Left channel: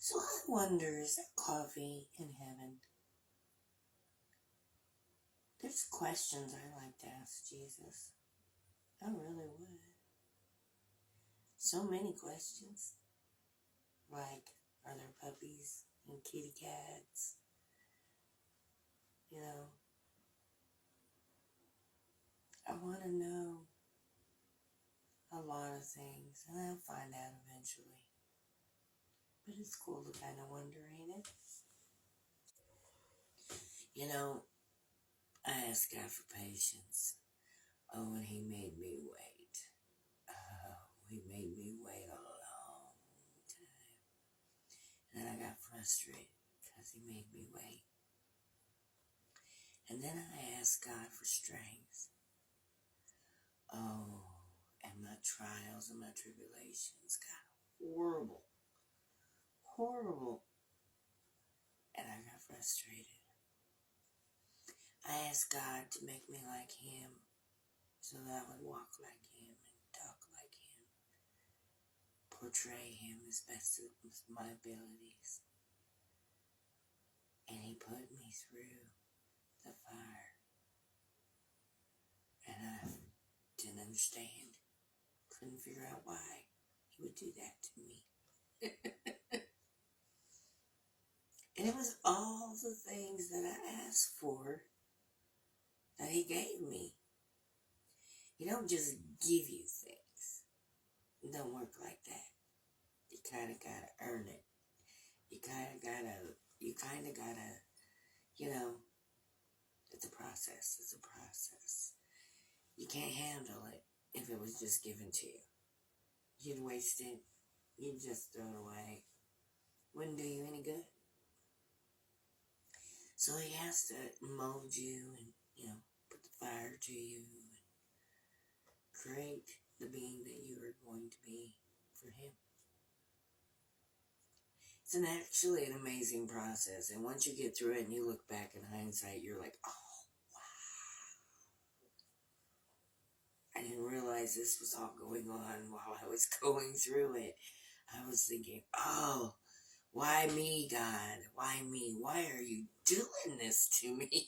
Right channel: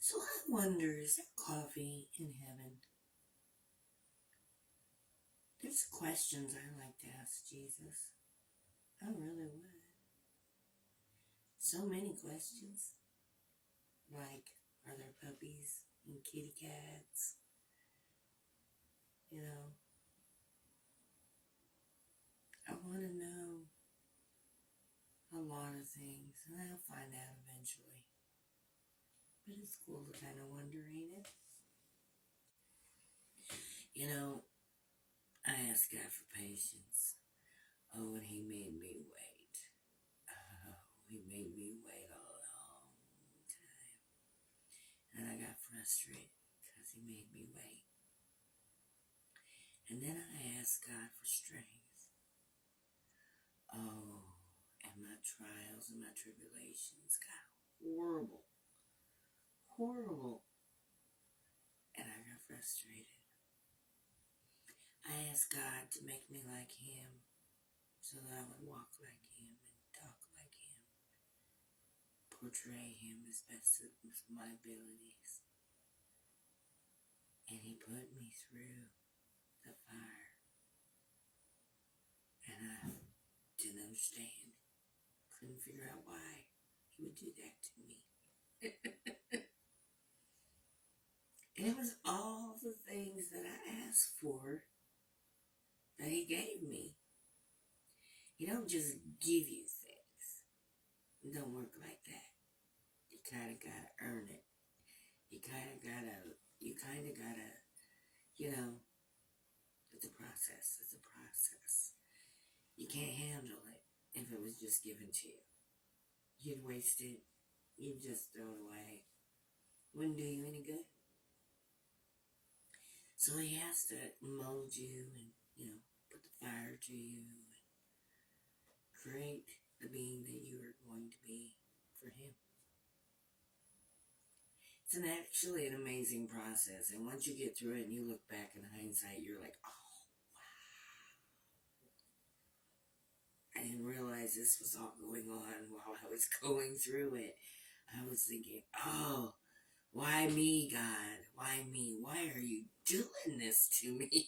So I wonder, is there coffee in heaven? There's questions I like to ask Jesus. I really would. So many questions. Like, are there puppies and kitty cats? You know, I want to know a lot of things, and I'll find out eventually. But it's cool to kind of wonder, ain't it? You know, I asked God for patience. Oh, and He made me wait. Oh, He made me wait a long time. And then I got frustrated because He made me wait. And then I asked God for strength. Oh, and my trials and my tribulations got horrible. Horrible. And I got frustrated. I asked God to make me like Him so that I would walk like Him and talk like Him, portray Him as best as my abilities. And He put me through the fire. And I didn't understand. Couldn't figure out why He would do that to me. And it was all the things that I asked for that He gave me. He don't just give you things. It don't work like that. You kind of gotta earn it. You kind of gotta, you know, it's a process. It's a process. You can't handle it if it was just given to you. You'd waste it. You'd just throw it away. Wouldn't do you any good. So He has to mold you and, put the fire to you and create the being that you are going to be for Him. It's actually an amazing process. And once you get through it and you look back in hindsight, you're like, oh, wow. I didn't realize this was all going on while I was going through it. I was thinking, oh, why me, God? Why me? Why are you doing this to me?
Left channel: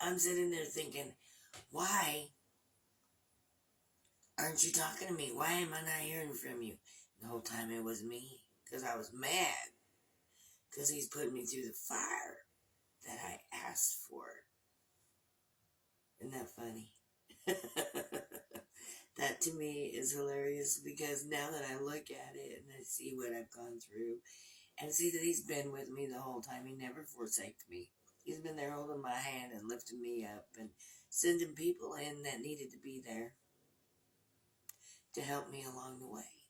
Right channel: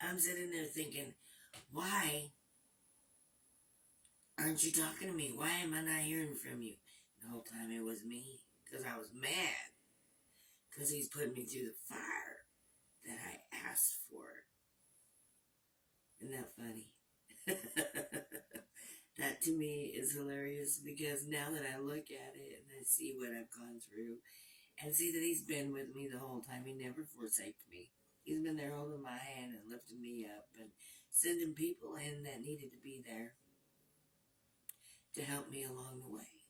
I'm sitting there thinking, why aren't you talking to me? Why am I not hearing from you? The whole time it was me. Because I was mad. Because He's put me through the fire that I asked for. Isn't that funny? That to me is hilarious because now that I look at it and I see what I've gone through and see that He's been with me the whole time, He never forsaked me. He's been there holding my hand and lifting me up and sending people in that needed to be there to help me along the way.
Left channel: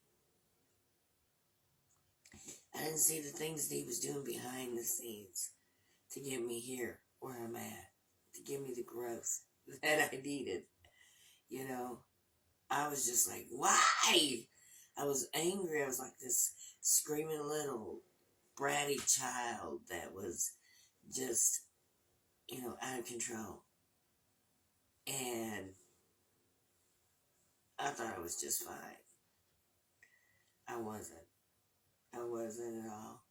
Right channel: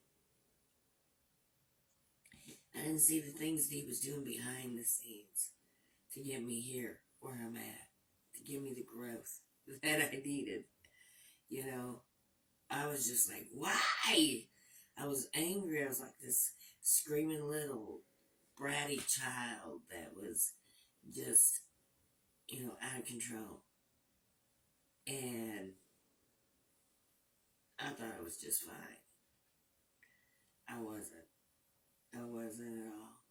I didn't see the things that He was doing behind the scenes to get me here where I'm at, to give me the growth that I needed. You know, I was just like, why? I was angry. I was like this screaming little bratty child that was just, out of control. And I thought I was just fine. I wasn't. I wasn't at all.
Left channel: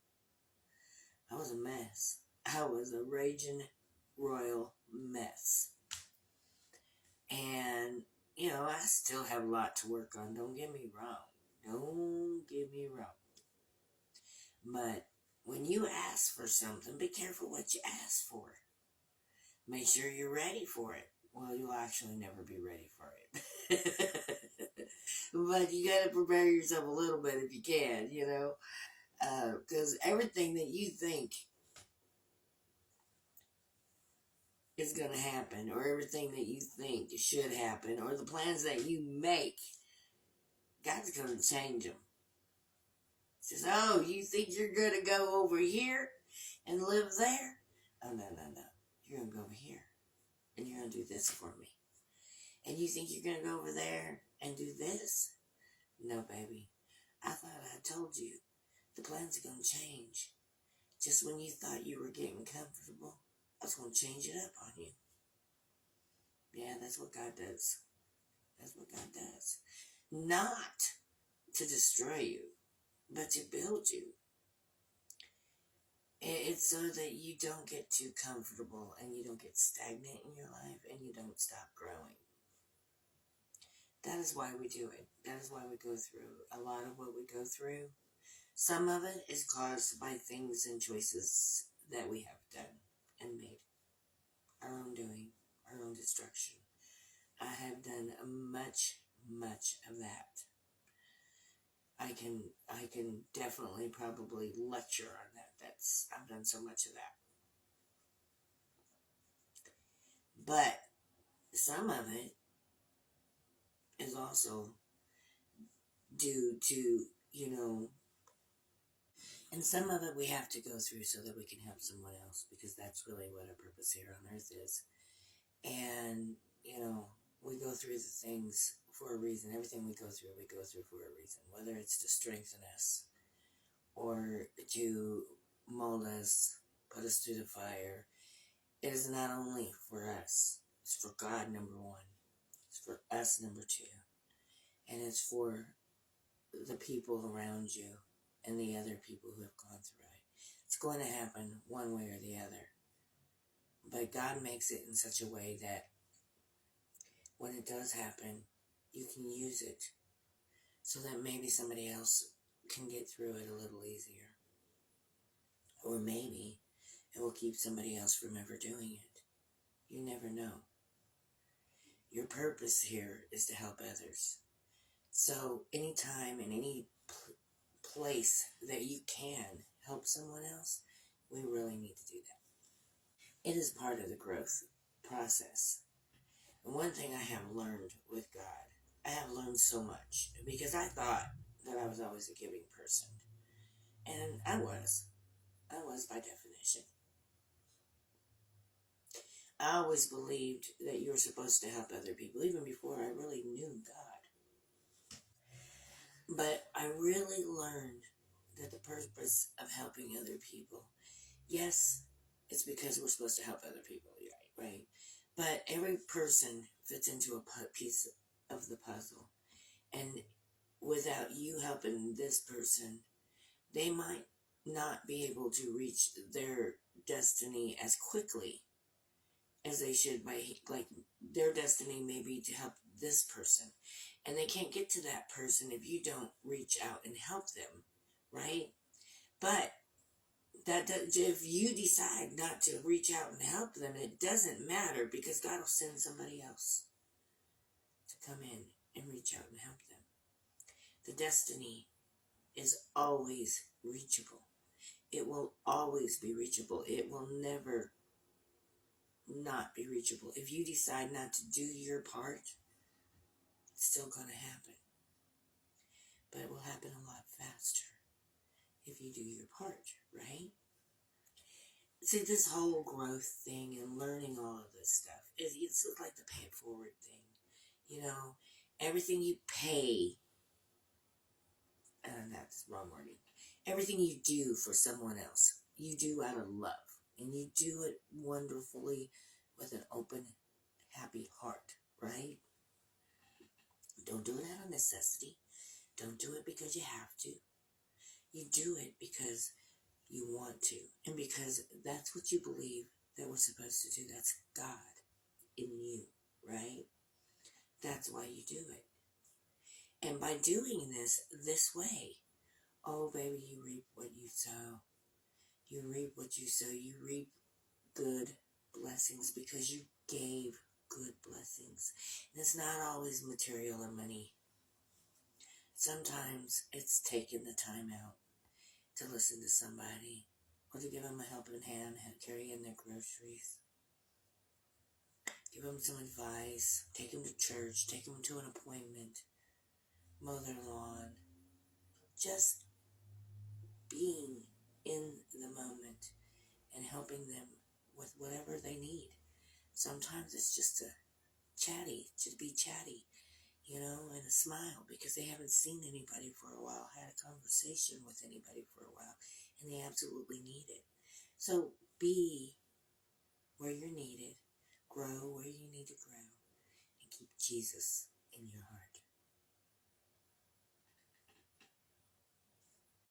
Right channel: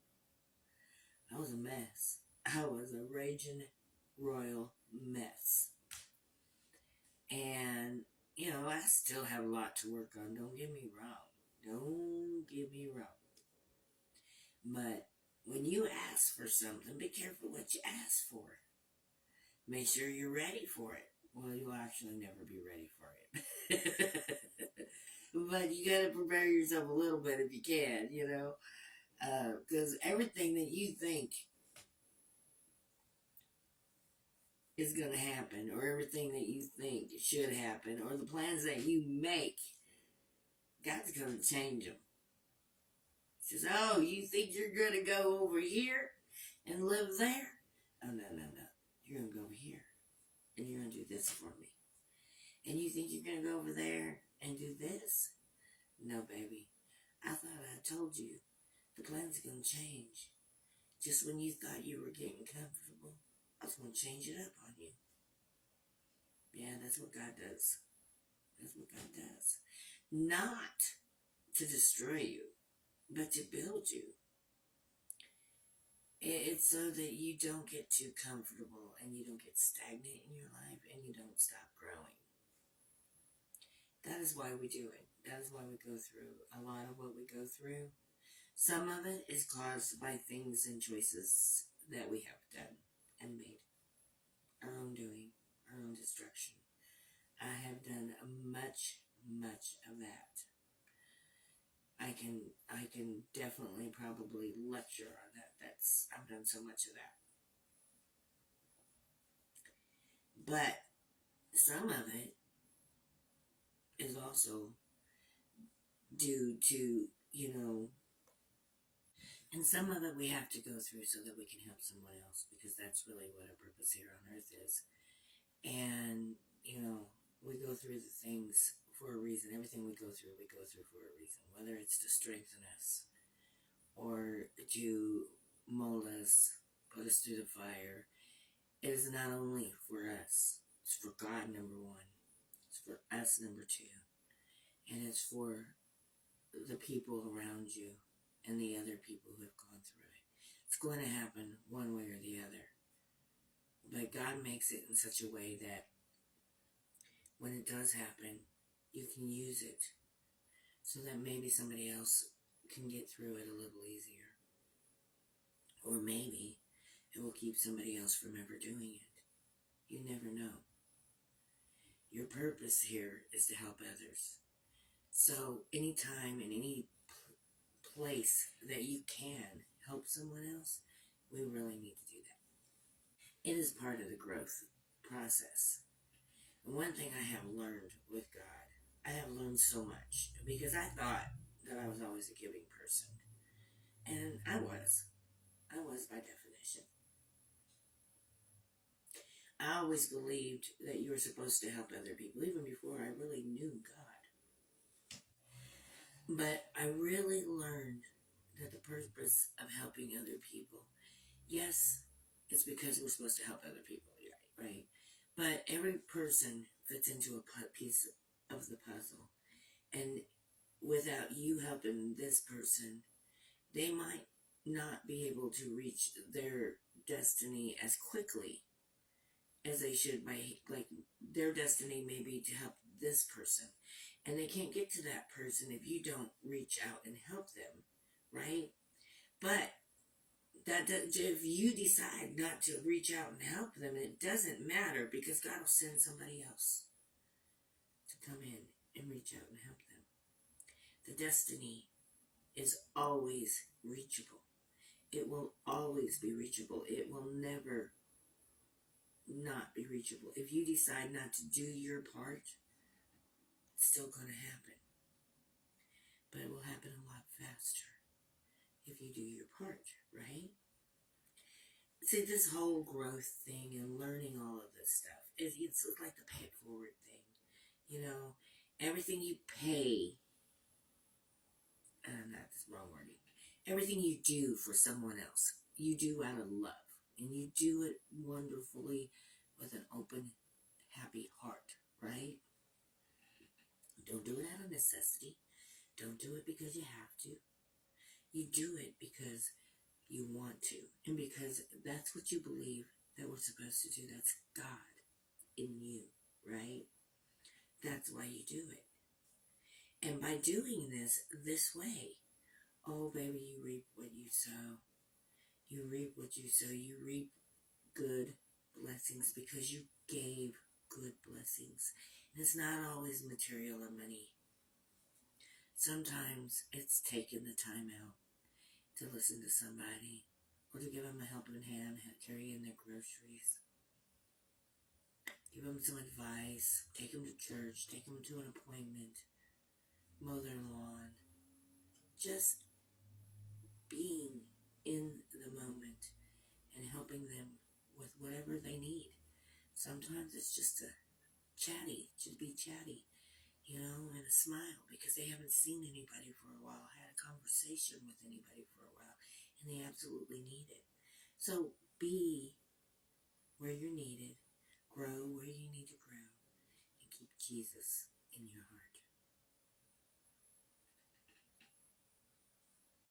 I was a mess. I was a raging royal mess. And, I still have a lot to work on. Don't get me wrong. Don't get me wrong. But when you ask for something, be careful what you ask for. Make sure you're ready for it. Well, you'll actually never be ready for it. But you got to prepare yourself a little bit if you can, because everything that you think is going to happen, or everything that you think should happen, or the plans that you make, God's going to change them. He says, oh, you think you're going to go over here and live there? Oh, no, no, no. You're going to go over here, and you're going to do this for me. And you think you're going to go over there and do this? No, baby. I thought I told you. The plans are going to change. Just when you thought you were getting comfortable, I was going to change it up on you. Yeah, that's what God does. That's what God does. Not to destroy you, but to build you. It's so that you don't get too comfortable and you don't get stagnant in your life and you don't stop growing. That is why we do it. That is why we go through a lot of what we go through. Some of it is caused by things and choices that we have done and made. Our own doing, our own destruction. I have done much, much of that. I can definitely probably lecture on that. I've done so much of that. But some of it is also due to, and some of it we have to go through so that we can help someone else, because that's really what our purpose here on earth is. And, we go through the things for a reason. Everything we go through for a reason. Whether it's to strengthen us or to mold us, put us through the fire. It is not only for us. It's for God, number one. It's for us, number two. And it's for the people around you and the other people who have gone through it. It's going to happen one way or the other. But God makes it in such a way that when it does happen, you can use it so that maybe somebody else can get through it a little easier. Or maybe it will keep somebody else from ever doing it. You never know. Your purpose here is to help others. So anytime in any place that you can help someone else, we really need to do that. It is part of the growth process. And one thing I have learned with God, I have learned so much, because I thought that I was always a giving person. And I was by definition. I always believed that you were supposed to help other people, even before I really knew God. But I really learned that the purpose of helping other people, yes, it's because we're supposed to help other people, right? But every person fits into a piece of the puzzle. And without you helping this person, they might not be able to reach their destiny as quickly as they should. Like, their destiny may be to help this person, and they can't get to that person if you don't reach out and help them, right? But if you decide not to reach out and help them, it doesn't matter, because God will send somebody else to come in and reach out and help them. The destiny is always reachable. It will always be reachable. It will never not be reachable. If you decide not to do your part, it's still going to happen. But it will happen a lot faster if you do your part, right? See, this whole growth thing and learning all of this stuff, it's like the pay it forward thing. Everything you pay, that's wrong wording. Everything you do for someone else, you do out of love. And you do it wonderfully with an open, happy heart, right? Don't do it out of necessity. Don't do it because you have to. You do it because you want to. And because that's what you believe that we're supposed to do. That's God in you, right? That's why you do it. And by doing this way, oh baby, you reap what you sow. You reap what you sow. You reap good blessings because you gave good blessings. And it's not always material or money. Sometimes it's taking the time out to listen to somebody, or to give them a helping hand, carrying their groceries. Give them some advice. Take them to church. Take them to an appointment. Mow their lawn. Just being in the moment and helping them with whatever they need. Sometimes it's just to be chatty, and a smile, because they haven't seen anybody for a while, had a conversation with anybody for a while, and they absolutely need it. So be where you're needed, grow where you need to grow, and keep Jesus in your heart.